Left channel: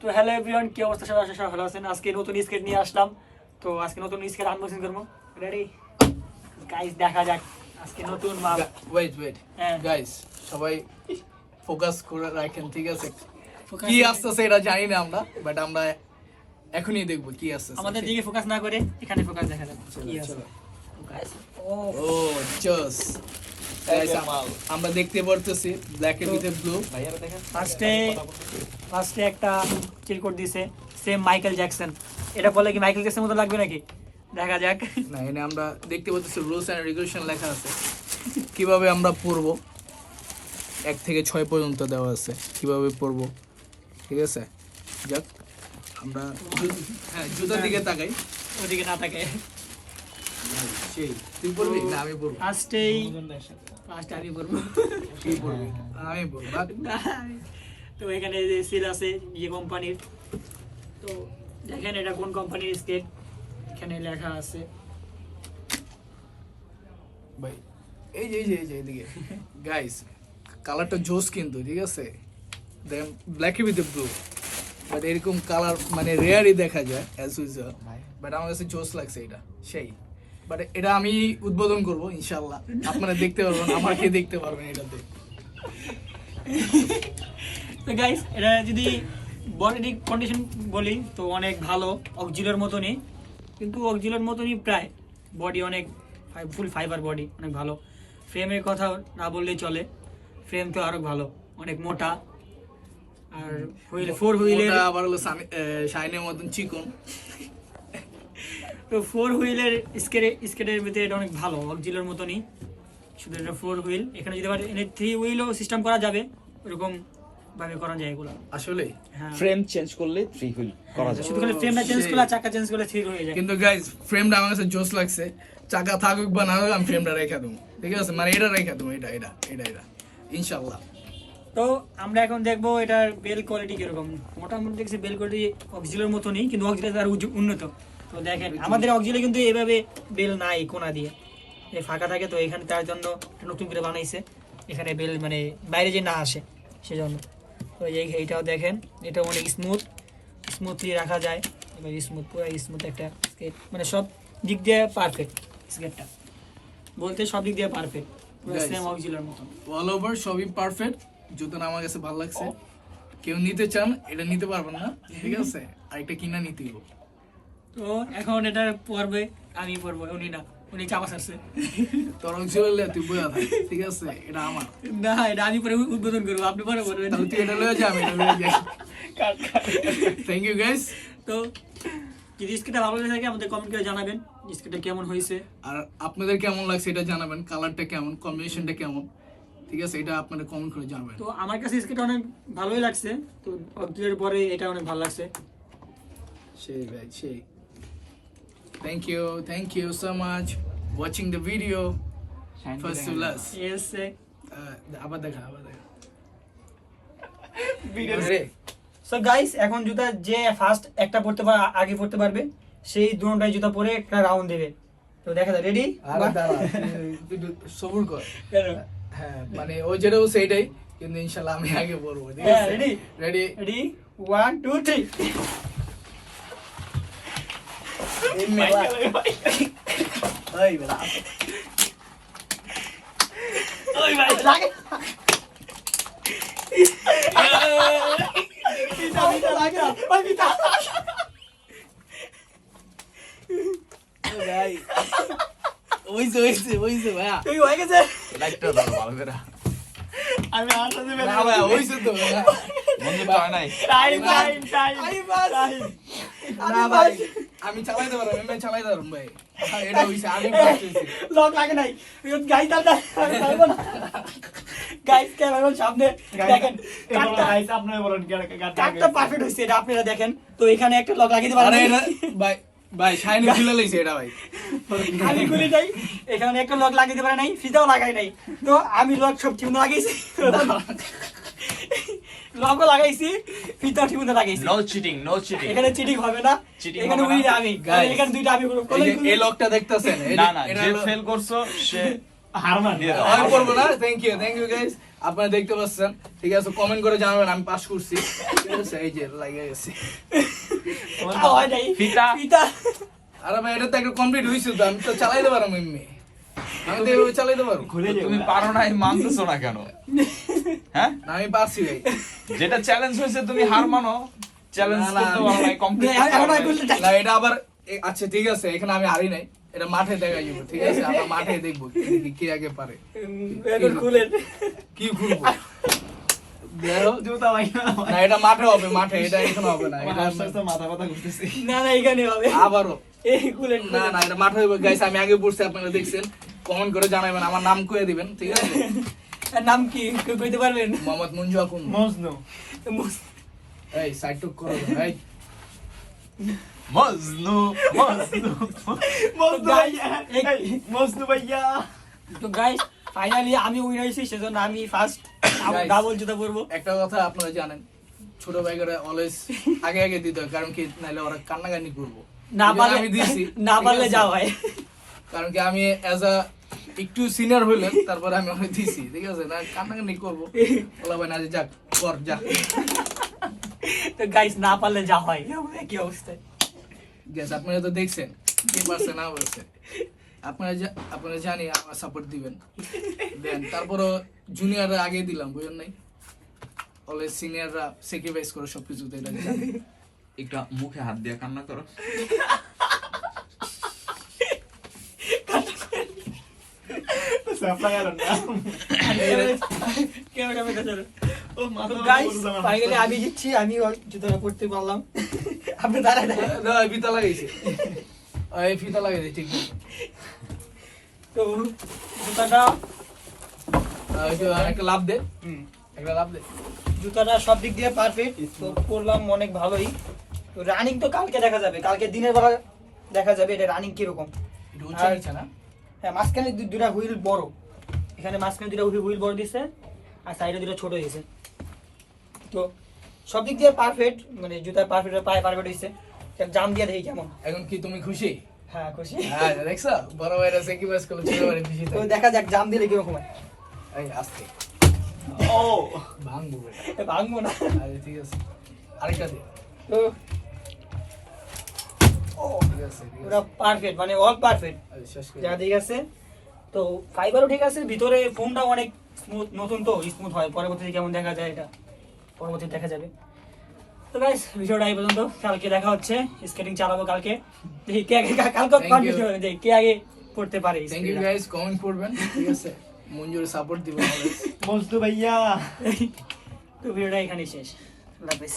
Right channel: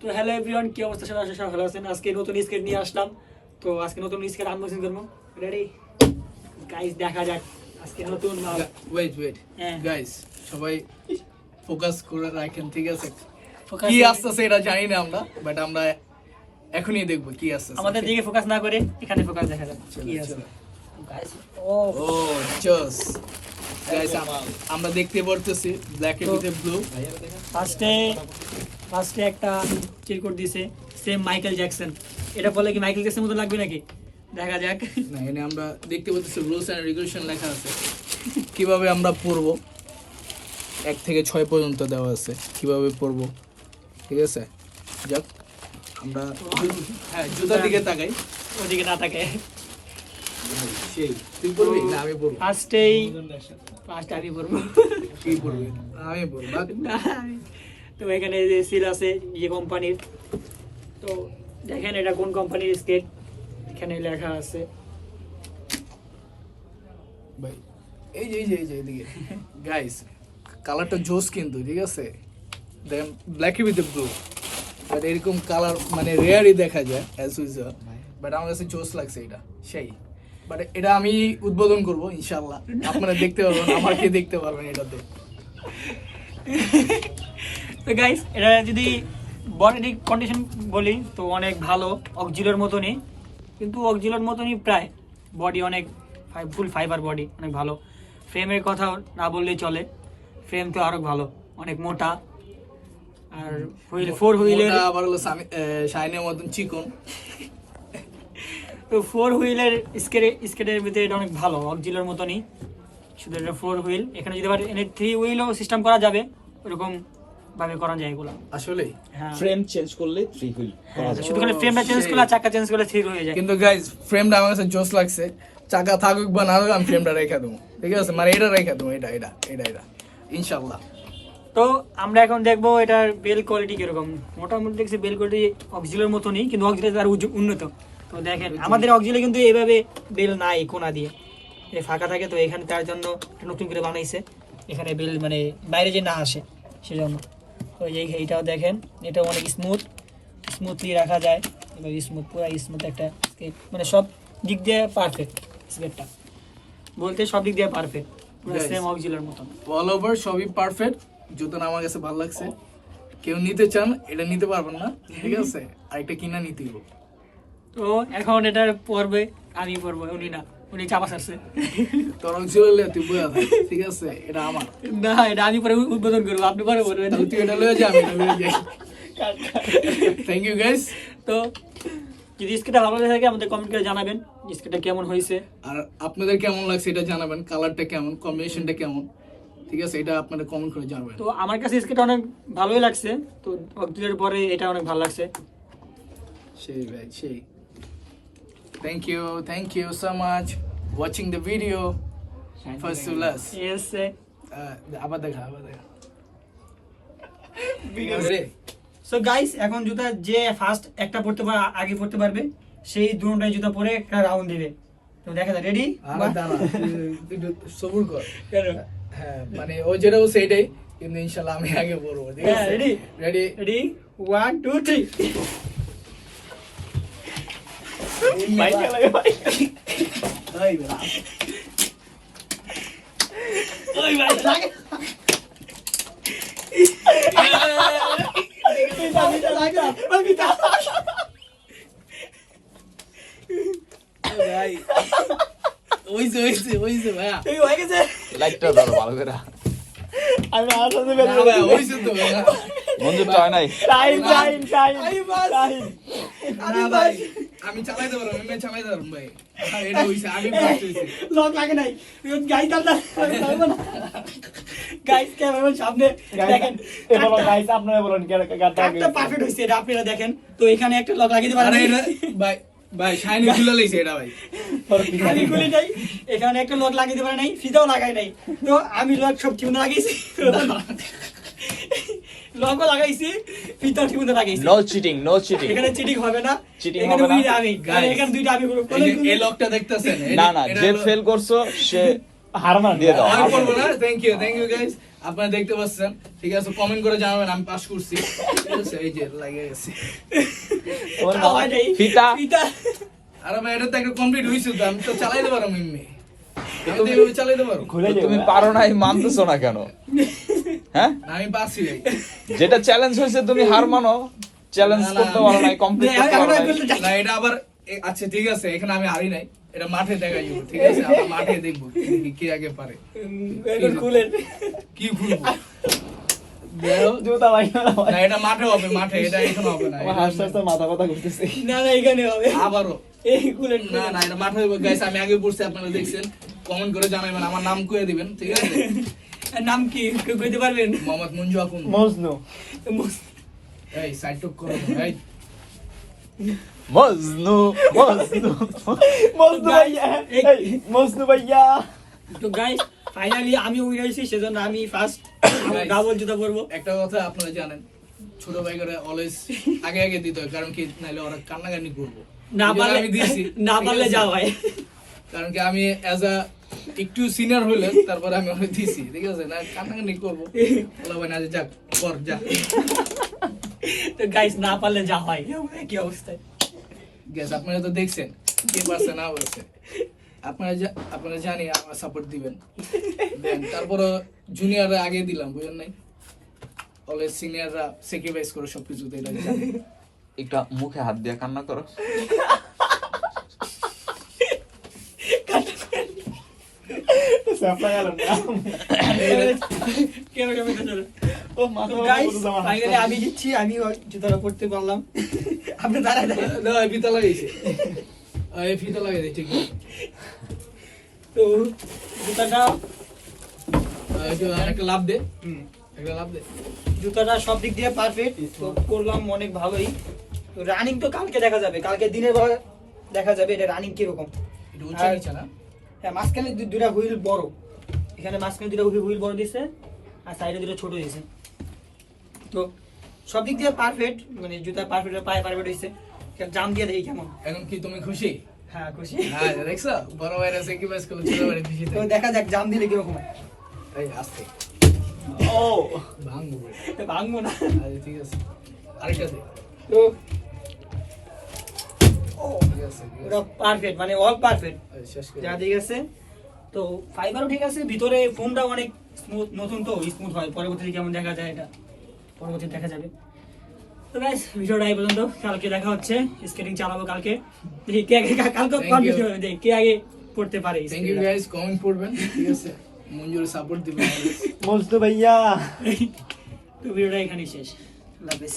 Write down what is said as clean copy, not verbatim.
তো hello everyone, কি অবস্থা? সবাই আশা সবাই ভালো আছেন। আজকে নতুন স্কেট নিয়ে আসলাম। তো আজকে নতুন স্কেট আনবক্সিং করবো। রেডি গাইস, দেখা যাক আজকে নতুন মাল। ওয়েট হ্যাঁ গাইস, সবাই ফোকাস করে রাখেন, ঠিক আছে? Focus কি করে- আসতেছে এটা জানি না আমরা, বাট আমরা এখনই দেখবো কি আসতেছে। আমাদের দিকে ফোকাস না করে এখানে ফোকাস দেখা যাবে কি আছে। চলো। গাইস ও জস গাইস, আমরা দেখতে পারতেছি ব্ল্যাক এর ভিতরে ব্লু। ফার্স্টে একটা চিল কোড দিয়েছে, সেম মাইকেল জ্যাকসন। এটা বলে কি মাইকেল জ্যাকসনের মতো লাগবে নাকি? দেখা যাক। না, এখানে আমরা দেখতে পাচ্ছি রুলস এন্ড রেগুলেশন লেখা আছে, কিভাবে আমরা পড়বো। 1 থেকে 6 পর্যন্ত দেওয়া আছে কিভাবে পড়বো, ঠিক আছে? যাক, আমরা জুতার দিকে তাকাই। ওদিকে না থাকে। সেই তুই পড়বি না আমি পড়বো? ফার্স্ট আমি বলবো। কি পড়বি? আমি পড়বো। না, তো এখানে যে সিল আছে যে কোম্পানির, তো দেখেন এটা কোন কোম্পানির স্কেট, এখানে লেখা আছে। ভাই এই যে এদিকে গাইস, কালারটা জোস কিন্তু, ঠিক আছে? দেখেন ব্ল্যাক উইথ ব্লু, বাট এরকম কালার মানে রেয়ারই দেখা যায় অ্যাজ ইউজুয়াল, বাট আমার কাছে জোস লাগছে এটা সেই। বাট এটা আমি উদ্বোধন করব ইনশাআল্লাহ, আপনারা দেখতে পারবেন, আমাকে দেখতে পারবেন এটাতে। তো গাইস, এটা যদি বডি কন্ডিশন বলি তো অনেক ভালো, অক্সিলোর মতনই, কিন্তু অক্সিলোর মতনই প্রায়। বডি অনেক ফুল ফাইবার বডি, অনেক ভালো। ফ্রেমের কথা না বললেই চলে, ফ্রেম তো আরো ভালো, অনেক মোটা। আর হুইল 4 হুইলের, ওটা আবার হলো শাইনের মতন চিকন। তো 4 হুইলের স্কেটের ভিতরে এটা অনেক ভালো, অক্সিলোর মতনই, শুধু এটা 4 হুইল। এখানে যদি আবার এনে 3 হুইলও সিস্টেম করা যাবে, ওরকম ভাবে করা যায় এগুলো। আসলেই হ্যাঁ, ফ্রেম চেঞ্জ করলে 3 হুইল করা যায়। শুধু খালি ফ্রেমটা চেঞ্জ করলে আর চাকা চেঞ্জ করলে 3 হয়ে যায়। কিন্তু গাইস, ফ্রেমটা আমার কাছে জোস লাগছে। চাকা থাকুক বা না থাকুক, আমি ফ্রেমটা রেখে দেবো, ঠিক আছে? মানে এটা রেখে দেবো, এটা ইনশাআল্লাহ। তো আমরা এখন দেখবো এটার বেল কোয়ালিটি কিরকম। মোটামুটি দেখছি বেল কোয়ালিটি অক্সিলোর মতনই, কিন্তু অক্সিলো তার উন্নত। তো দেখেন আমাদের অক্সিলো কিন্তু এইভাবে বেল নাই কোনা দিয়ে, এই ফাঁকা থাকে। তো এখানে তার জন্য একটা নতুন করে বানাইছে, এখানে বেল মানে বাইরে যে না আসে সেজন্য। তো এইটাও দেখেন, এটাও অনেক স্মুথলি রাখা যায়, স্মুথ, পুরো স্মুথ একটা স্কেট, মানে সব দিক দিয়ে পারফেক্ট স্কেটটা, বলতে সব দিক দিয়ে পারফেক্ট, পুরো Guys, সেম অক্সিলোর মতন। অল ওভার সবই পারফেক্ট। জুতোটা আমার কাছে ভালো লাগছে। কেউ নিতে চান এটা নিতে পারবেন না, ঠিক আছে? আরেকটা কিনা নিতে হবে। তো এখন এটা পড়বে, আমি পড়বো, উনি না, উনি চাপা ছাড়ছে। তোর অঞ্চলে তুই বইয়া থাক, ঠিক আছে? এটা আমার। না, এটা আমি পরে উদ্বোধন করবো, আপনি পরে পড়বেন। তাহলে তুই এটা লয়ে যা, আমি এটা লয়ে যাই। Thank you guys. তো যদি স্কেটটা ভালো লাগে থাকে আমাদের কমেন্ট করে জানাবেন স্কেটটা কেমন হয়েছে। আর আপনাদের কেমন লাগছে এটা জানাবেন, কালারটা কেমন, কম্বিনেশনটা কেমন, ঠিক আছে? এটা আপনারা কমেন্ট করে জানাবেন। তো আমার কাছে স্কেটটা অনেক ভালোই লাগছে, তো অক্টোবরের পরে এটা অনেক ভালো লাগছে। সেই ভাই সেই। Thank you so much watching the video first to last. Yes, আবার দেখা Ready? সো গাইস, এখন জুতা যে ফার্স্ট একটা পড়তে আগে পড়তে পারবে, সেই দুটোটাই জুতা পরে একটা রাউন্ড দেবে। তো দেখা যায়, রেডি? সবুর কর। হ্যাঁ, মানে ও যেটা বলছে এটাই, কিন্তু ইনশাল্লাহ আমি আগে পড়বো, ঠিক আছে? Ready ready 1 2 3। ওই বেলা ওই ভাই লাগে, এটা লাগে, ওই বিটা ভাই, ওইছে ভাইয়া। এই হয়ে গেছে। লাইটটা দাও ভালো করে। আমি হাতে দিলে না ভাই, ওইছে তো ভাইয়া। বন্ধু তো নাই। টাইম না ভাই, আমি চালাইতে পারবো, আমি চালাইতে পারবো ভাই। এটা হইছে, আমি বুঝতেছি। লক লাগে নাই, গাইস দাদা আমি পারবো না। গাইস ক্যামেরার সামনে দেখেন, গাইস আপনারা বলেন কাটটা পারফেক্ট হইছে, এটা আপনারা দেখেন। তো এখানে একটা লক লাগিয়ে দিতে আরে পারেন। এটা ভাই শাইনি খুলে লইছে এটা ভাই। আমি খুলি নাই, এখানে একটা লক লাগিয়ে দিতে পারে নাই, ফিতাও লাগাই নাই। তো আমি লক সব ঠিক লাগাইছি, লগও লাগাইছি, ফিতাও ঠিক লাগাইছি। No cheating. এখানে চিটিং হবে না, Cheating এখানে হবে উইন না। আমি, Guys, এখানে দুইটা আমি এই যে এই লকটা দেখতেছেন, না এটা যে হলো ফেল করছো সে হারমান দিয়ে দাও। আমি করবো না, থ্যাংক ইউ গাইস। আপনারা দেখতে পাচ্ছেন, ঠিক আছে, কমেন্ট করে জানাবেন আমি পাস করছি, ঠিক আছে। এই যে লাগে গেছে, খাওয়া নাই ফিতা। ফিতা আর আমি এটা তো একটা কমপ্লিট হয়েছে, তো আমি তো চালাইতে পারবো এমনি, আমি তো এভাবে চালাইতে পারবো। খুলে তুমি পারো না, মানতেছো না কেন? হ্যাঁ, না, আমি পারছি ভাই। যেটা চ্যালেঞ্জ হয়েছে তুমি হার মানো, চ্যালেঞ্জ না, না, করতে পারো না, কমপ্লিট এখন আর করতে চাই না, এটা আবার আচ্ছা ঠিক আছে, এখানে আমি হারি নাই, এটা মাঠে দেখা যাবো, ঠিক আছে, আমরা মাঠে দেখবো কে আগে পারে। এখন খুলেন কি খুলবো? দেখো, জুতা ভাই না এটা মাঠে হবে, মাঠে, এটা এখানে হবে না, এটা মাথা কথা ঘুরতেছে। না না এখানে হবে আবারও এই খুলেন না না এটা মাঠে হবে গাইস। আমি আগে পড়ছি, আপনারা দেখছেন, কমেন্ট করে জানাবেন, আমার নাম কয়ে দিবেন, ঠিক আছে। আর নাম কি কেউ কইতে পারবেন মোহাম্মদ মঞ্জু আকুন। মজনু এই সাইড টুক করো এই মজনু মজনু মজনু ভাইয়া, এই মজনু ভাইয়া। তো গাইস ফাইনালি আমি উইনার হইছি, সেজন্য আমি ফার্স্ট Guys, ডাবল জুতা পরবো। একটা কথা আপনারা জানেন, ছোট ভাইরা অলওয়েজ আগে আগে দিতে হয়, কারণ কি নাইলে ওরা কান্নাকানি করবো। না এই জন্য পারলে আমি দিছি, না ঠিক পারলে আছে? যাও ভাই। কারণ কি আমি অ্যাজ আ একটু সিনিয়র হইলেন, তারপরে আমি অনেক দিছি, ঠিক আছে, না কান্নাকানি করবো, বলা ভাই না যে যাক কর যা। তো গাইস না পারলে যা হয় কি অবস্থায়। গ্যাস আপনারা তো দেখছেন কে পারছে না পারছে, আপনারা জানি আমার সাপোর্ট দিবেন, দেন তারপরও জুনিয়ররা আগে দিলাম, বুঝলেন নাই, অলওয়েজ সিনিয়ররা স্যাক্রিফাইস করে সবকিছুতে, এটা জানি। একটা মুখে হাত দিয়ে কান্না করো। সাপ্লাই আলো না। ক্যামেরা মেতে চলো। ও মাথা গাইস ফাইনালি আমি জিতছি, আমি জুতাটা পরতে পারলাম। আপনি দাঁড়ায় দাঁড়ায় না এই ফিতা লাগাইছে, এই ফিতা লাগাইছে ঠিক আছে। তো জুতাটা একটা লাভ দে, একটা লাভ দে। জুতাটা সব দিক দিয়ে পারফেক্ট, তো করলাম অনেক ভালোই। তো রানিং তো কালকে দেখা যাবে, কালকে দিনের বেলা দেখা যাবে এটা রানিং কিরকম। একটু উঁচু নিচে না? হ্যাঁ মাঝখানে দুইটা হুইল বড়, এখানে মাঝখানে দুইটা হুইল বড় দিছে আর সাইডে দুইটা ছোট দিছে। তো সব দিক দিয়ে পারফেক্ট, মানে জুতার পারফেক্ট, পায়ে পারফেক্ট হইছে। জাম দিয়ে দেখি কেমন। এখন কি তুমি খুশি? হ্যাঁ খুশি। হ্যাঁ দেখছো, বড় ভাইরা স্যাক্রিফাইস করলো, ছোট ভাইরা খুশি তো থাকে। দেখা যাক জাম দিলে কিরকম হয়। এই আস্তে ও ভাঙবো বেটা। ভাঙবো না। আরে ঠিক আছে, আরেকটা দে। তো ঠিক আছে, ঠিক পুরো আছে। পারফেক্ট, মানে অল পারফেক্ট, আরে শেষ করে যা ঠিক আছে। তো ফাইবারও ঠিক আছে, ভিতরে ফোনটা অনেক স্মুথ, নতুন তো স্মুথ হয়, পরবর্তীতে কেমন দেখা যায় এটা পরবর্তীতে দেখা যাবে। তো গাইস ভিডিওটা এই পর্যন্ত, কালকে দেখা হচ্ছে, স্কেটিং চালাবো কালকে, দেখি কে আগে, কালকে Thank you. কনফিউজ হবে যে কে আগে পড়তে পারে। থ্যাংক ইউ গাইস, কমেন্ট করবেন, ঠিক আছে, মঞ্জুর সাপোর্ট দিবেন always। মজনু ভাইয়া। তো ভিডিওটা এখানেই শেষ, আল্লাহ হাফেজ।